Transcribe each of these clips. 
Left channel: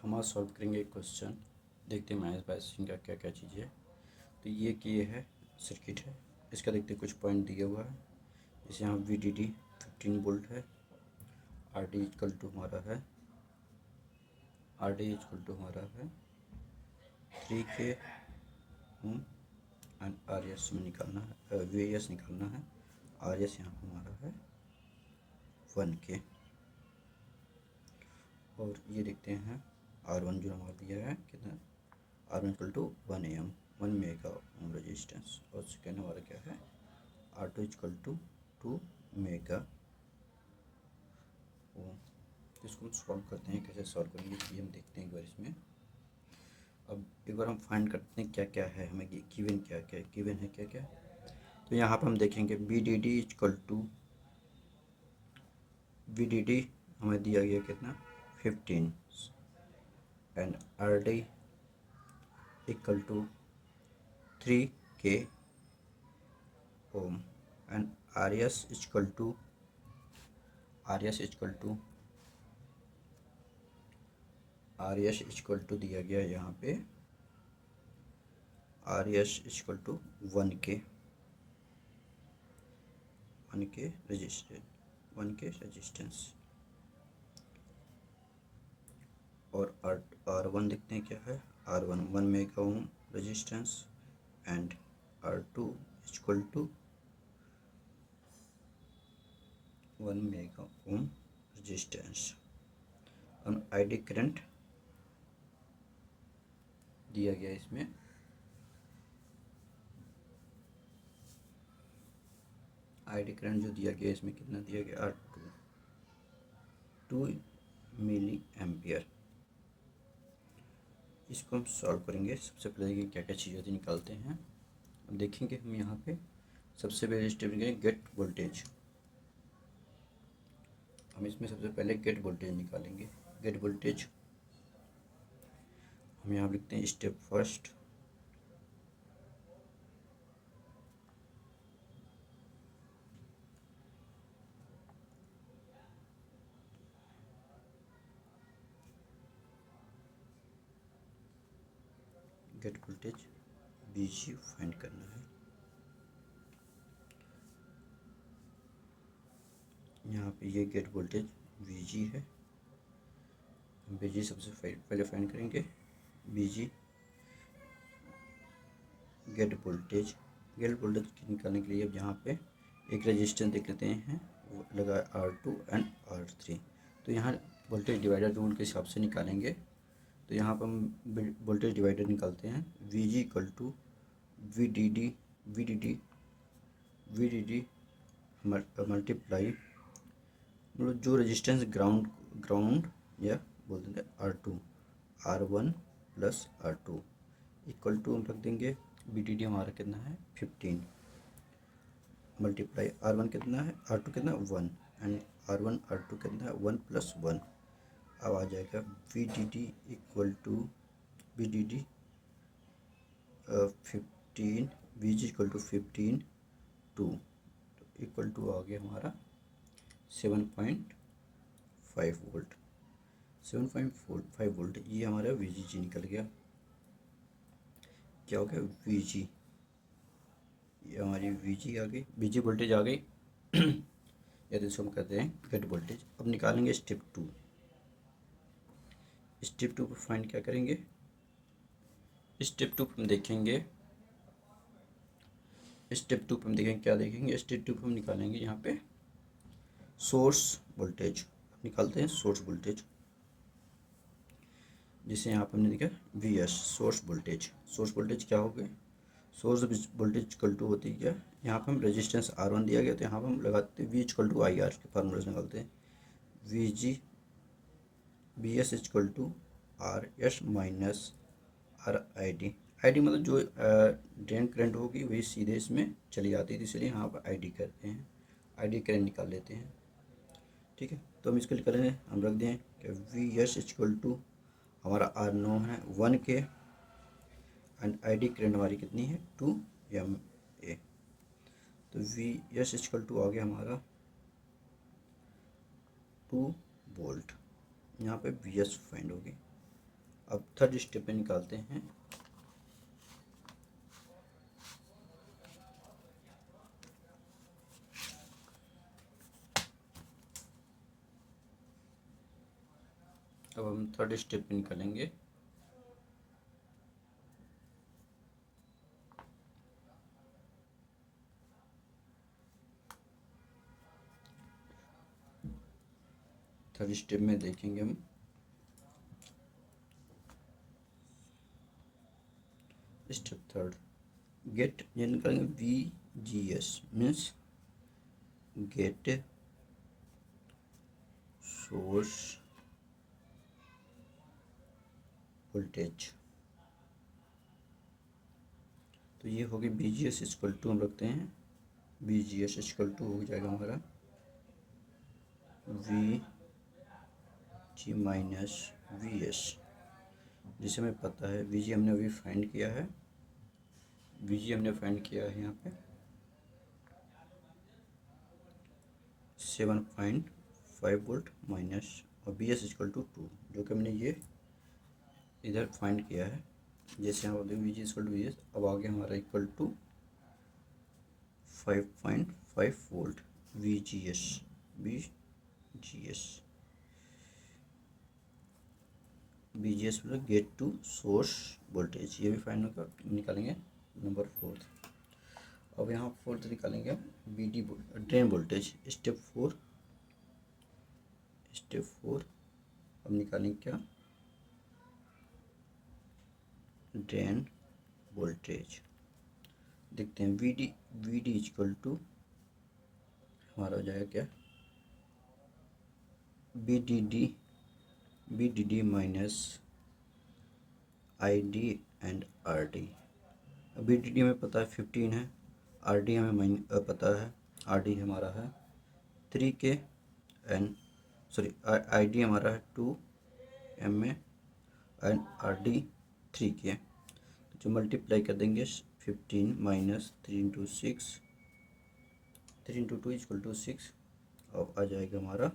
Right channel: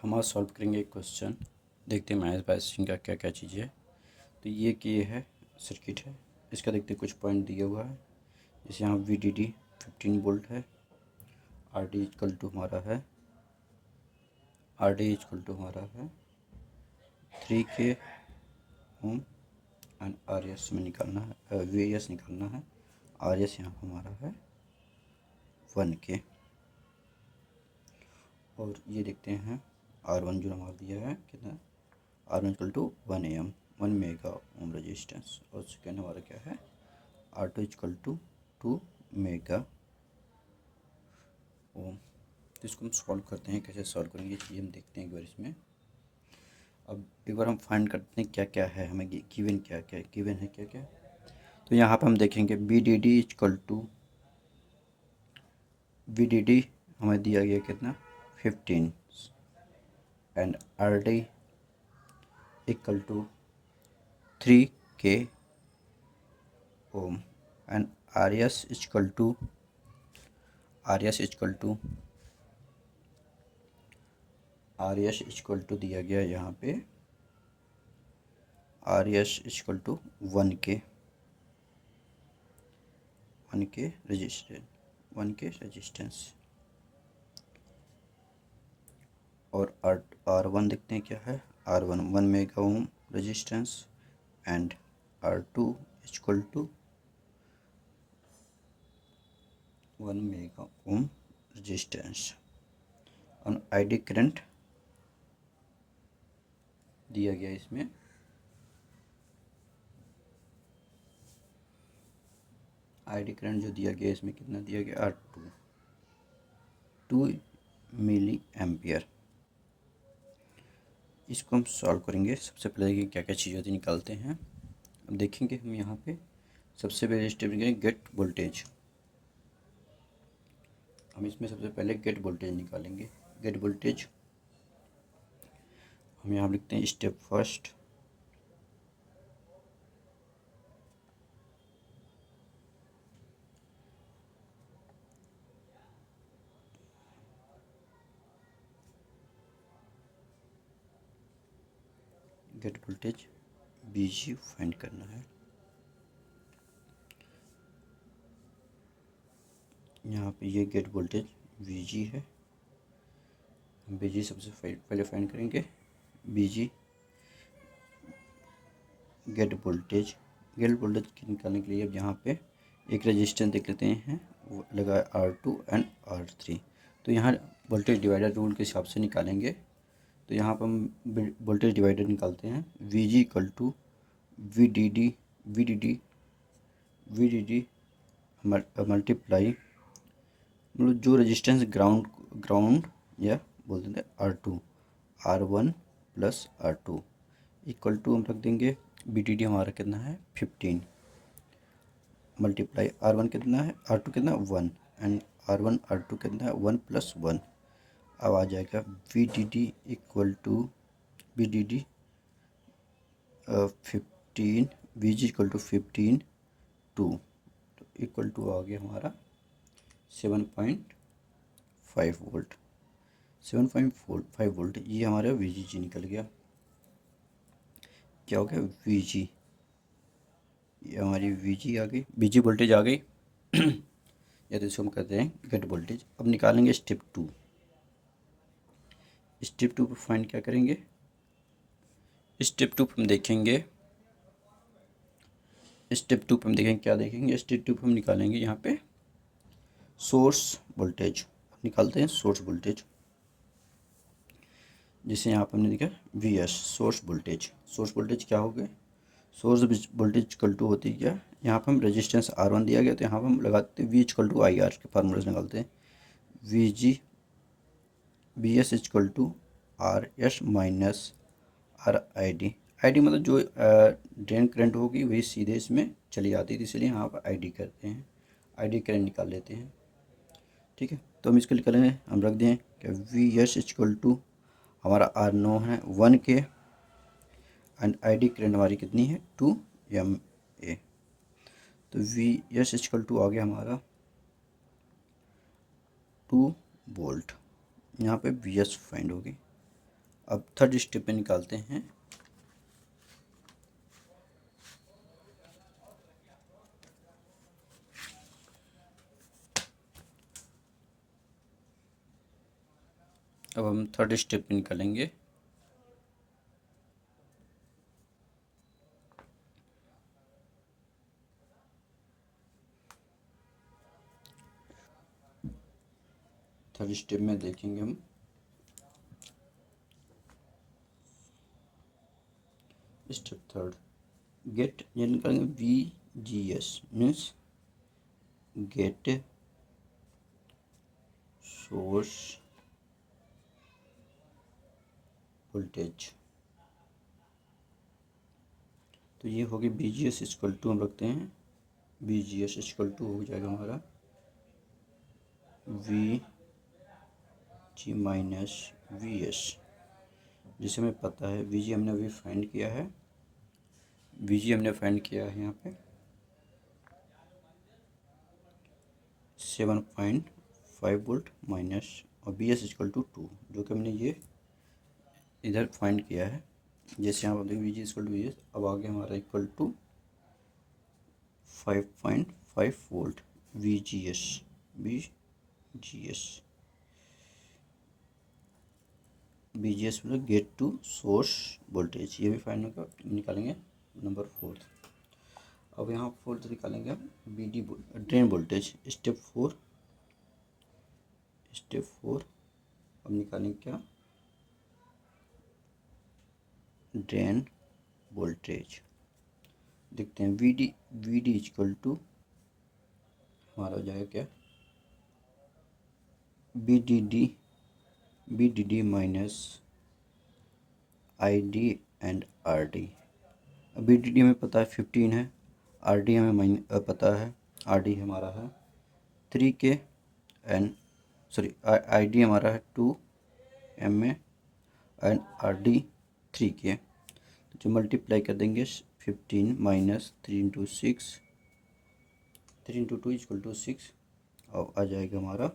हम आज सॉल्व करेंगे एक क्वेश्चन। देखते हैं मैथ बायसिंग का क्या क्या चीज़ है। तो ये है सर्किट है, इसका देखते हैं कुछ पॉइंट दिया हुआ है। जैसे यहाँ VDD 15 वोल्ट है, RD इक्वल टू हमारा है 3K ओम एंड RS में निकालना है, VS निकालना है। RS यहाँ हमारा है 1K। और ये देखते हैं R1 जो हमारा दिया है कितना, R1 equal to 1 mega ohm resistance. और सेकेंड हमारा क्या है, R2 equal to 2 mega ohm. तो इसको हम सॉल्व करते हैं, कैसे सॉल्व करेंगे ये हम देखते हैं एक बार इसमें। अब एक बार हम फाइंड करते हैं क्या क्या है, हमें गिवन क्या क्या गिवन है क्या क्या। तो यहाँ पर हम देखेंगे VDD हमें दिया गया कितना 15 and RD equal to 3K ohm and RS equal to दिया गया यहाँ पे RS equal to 1K resistance. और R1 देखते हैं क्या है, R1 1 mega ohm resistance and R2 equal to 1 mega ohm resistance. और ID करंट दिया गया इसमें ID करंट जो दिया गया इसमें कितना दिया गया, R2 मिली एम्पियर। इसको हम सॉल्व करेंगे। सबसे पहले ये क्या क्या चीज़ होती निकालते हैं। अब देखेंगे हम यहाँ पे सबसे पहले स्टेप लेंगे गेट वोल्टेज। हम इसमें सबसे पहले गेट वोल्टेज निकालेंगे। गेट वोल्टेज हम यहाँ लिखते हैं step first. Gate voltage VG find करना है। यहाँ पे ये गेट वोल्टेज VG है। हम VG सबसे पहले फाइंड करेंगे। VG गेट वोल्टेज निकालने के लिए अब यहाँ पे एक रेजिस्टेंस देख लेते हैं, वो लगा है R2 एंड R3। तो यहाँ वोल्टेज डिवाइडर रूल के हिसाब से निकालेंगे। तो यहाँ पर हम वोल्टेज डिवाइडर निकालते हैं। VG equal to VDD multiply मतलब जो रेजिस्टेंस ग्राउंड या बोल देंगे R1 plus R2 equal to हम रख देंगे VDD हमारा कितना है 15 मल्टीप्लाई R1 कितना है, R2 कितना 1 एंड R2 कितना है 1 प्लस 1। अब आ जाएगा VDD equal to 15 VG equal to 15 2 equal to आ गया हमारा 7.5 वोल्ट। 7.5 वोल्ट ये हमारा VG निकल गया। क्या हो गया VG, ये हमारी VG आ गई, VG वोल्टेज आ गई या तो इसको हम कहते हैं गेट वोल्टेज। अब निकालेंगे स्टेप टू। स्टेप टू पर फाइंड क्या करेंगे, स्टेप टू पर हम देखेंगे क्या देखेंगे। स्टेप टू पर हम निकालेंगे यहाँ पे सोर्स वोल्टेज। निकालते हैं सोर्स वोल्टेज, जिसे यहाँ पर हमने देखा VS सोर्स वोल्टेज क्या हो गया, सोर्स वोल्टेज इक्वल टू होती है क्या, यहाँ पर हम रेजिस्टेंस R1 दिया गया तो यहाँ पर हम लगाते हैं V इक्वल टू IR के फार्मूले से निकालते हैं। VS equal to RS minus RID। ID मतलब जो ड्रेन करंट होगी वही सीधे इसमें चली जाती है, इसलिए यहाँ पर ID करते हैं, ID करंट निकाल लेते हैं। ठीक है, तो हम इसके लिए करेंगे, हम रख दें कि VS इक्वल टू हमारा R9 है 1K एंड ID करंट हमारी कितनी है 2 MA। तो VS इक्वल टू आ गया हमारा 2 वोल्ट। यहाँ पे VS फाइंड होगी अब थर्ड स्टेप में निकालते हैं। अब हम थर्ड स्टेप में निकालेंगे। थर्ड स्टेप में देखेंगे हम स्टेप थर्ड, गेट, ये निकालेंगे VGS means gate source voltage. तो ये होगी VGS इक्वल टू, हम रखते हैं VGS इक्वल टू हो जाएगा हमारा VG माइनस VS, जिसे हमें पता है VG हमने अभी फाइंड किया है, VG हमने फाइंड किया है यहाँ पे 7.5 वोल्ट माइनस और VS इक्वल टू 2, जो कि हमने ये इधर फाइंड किया है। जैसे यहाँ पर VG इक्वल टू VS, अब आगे हमारा इक्वल टू 5.5 वोल्ट VGS मतलब गेट टू सोर्स वोल्टेज, ये भी फाइंड निकालेंगे नंबर फोर्थ। अब यहाँ फोर्थ निकालेंगे हम BD drain voltage, step four. अब निकालेंगे क्या, ड्रेन वोल्टेज। देखते हैं VD इक्वल टू हमारा हो जाएगा क्या, BDD minus ID and RD। अब BDD हमें पता है 15 है, RD हमें पता है, RD हमारा है 3K एंड ID हमारा है 2 mA एंड RD 3K। जो मल्टीप्लाई कर देंगे 15 minus 3 into 6, 3 into 2 equal to 6, और आ जाएगा हमारा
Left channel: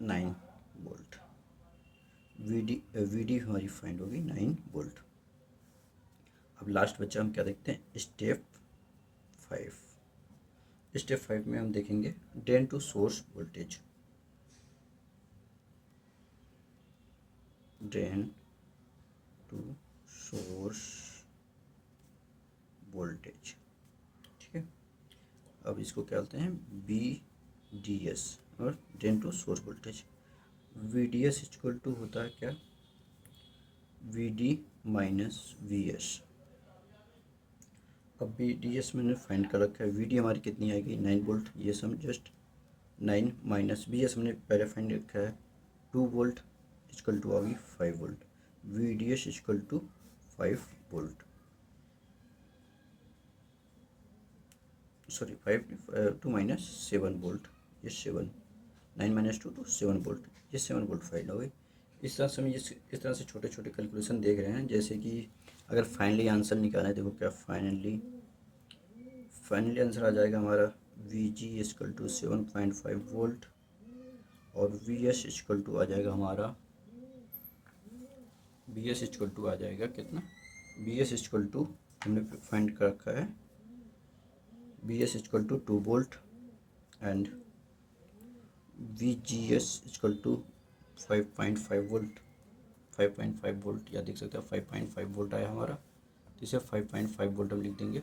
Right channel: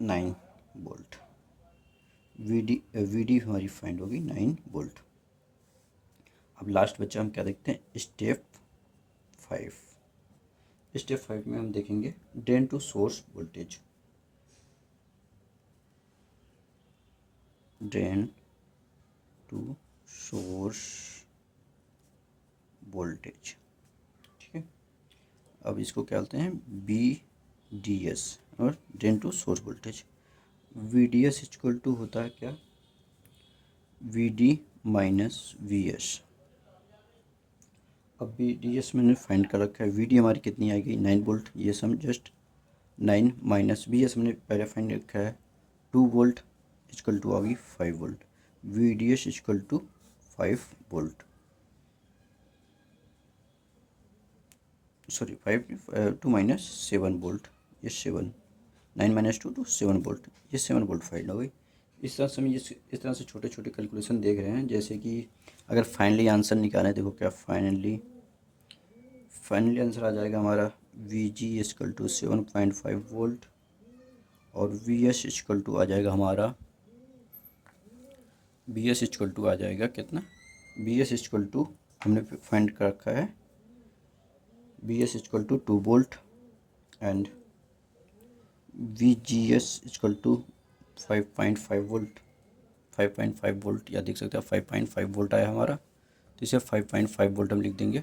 9 वोल्ट। VD हमारी फाइंड होगी 9 वोल्ट। अब लास्ट बच्चा हम क्या देखते हैं, स्टेप 5। स्टेप 5 में हम देखेंगे drain to source voltage, drain to source voltage, ठीक है। अब इसको क्या बोलते हैं, VDS और drain to source voltage. VDS equal to होता है क्या, VD माइनस VS। अब VDS मैंने फाइंड कर रखा है, VD हमारी कितनी आएगी 9 वोल्ट, ये सम जस्ट 9 माइनस VS हमने पहले फाइंड रखा है 2 वोल्ट इक्वल टू आ गई 5 volt. VDS equal to 5 volt, sorry 2 minus 7 volt, ये 7, 9 माइनस 2 तो 7 वोल्ट, ये 7 वोल्ट फाइंड हो गई। इस तरह से हम इस तरह से छोटे छोटे कैलकुलेशन देख रहे हैं। जैसे कि अगर फाइनली आंसर निकालें, देखो क्या फाइनली आंसर आ जाएगा हमारा VG इक्वल टू 7.5 वोल्ट और VS इक्वल टू आ जाएगा हमारा, BS इक्वल टू आ जाएगा कितना, BS इक्वल टू हमने फाइंड कर रखा है BS equal to 2 volt and VGS equal to 5.5 volt, 5.5 volt, या देख सकते हैं 5.5 वोल्ट आया हमारा, तो इसे 5.5 वोल्ट हम लिख देंगे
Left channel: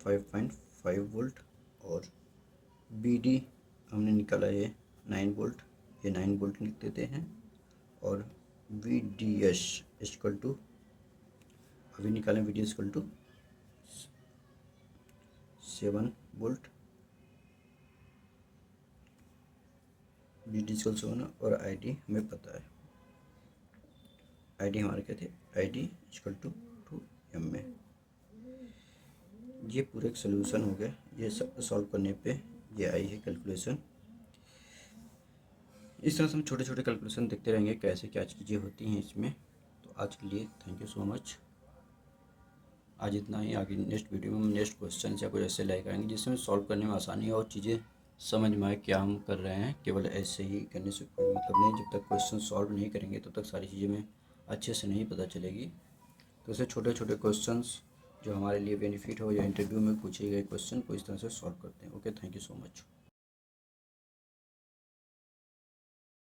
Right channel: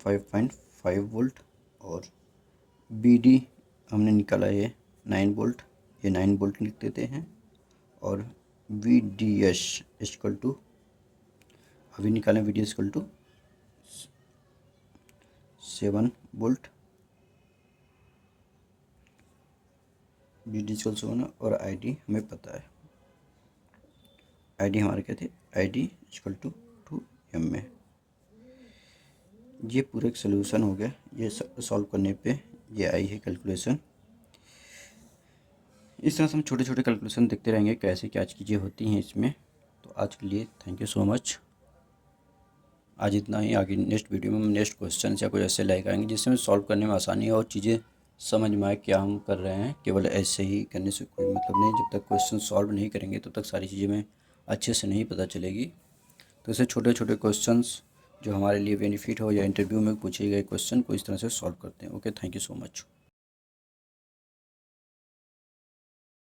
5.5 वोल्ट। और BD हमने निकाला ये 9 वोल्ट, ये 9 वोल्ट लिख देते हैं। और VDS इक्वल टू अभी निकालें, VDS equal to 7 volt, VD equal 7 और ID हमें पता है, ID हमारे क्या थे, ID इक्वल टू 2 mA। ये पूरा एक सोल्यूशन हो गया, ये सॉल्व करने पे ये आई है कैलकुलेशन। इस तरह से हम छोटे छोटे कैलकुलेशन देखते रहेंगे कैसे क्या चीज़ें होती हैं इसमें। तो आज के लिए थैंक यू सो मच। आज इतना ही। आगे नेक्स्ट वीडियो में हम नेक्स्ट क्वेश्चन या कोई ऐसे लेकर आएंगे जिससे हमें सॉल्व करने में आसानी हो और चीज़ें समझ में आए क्या हम कर रहे हैं। केवल ऐसे ही करने से कोई मतलब नहीं, जब तक क्वेश्चन सॉल्व नहीं करेंगे तब तक सारी चीज़ें हमें अच्छे से नहीं पता चलेगी। तो ऐसे छोटे छोटे क्वेश्चंस जो हमारे लिए बेनिफिट हो या इंटरव्यू में पूछे गए क्वेश्चन को इस तरह से सॉल्व करते हैं। Okay, thank you so much.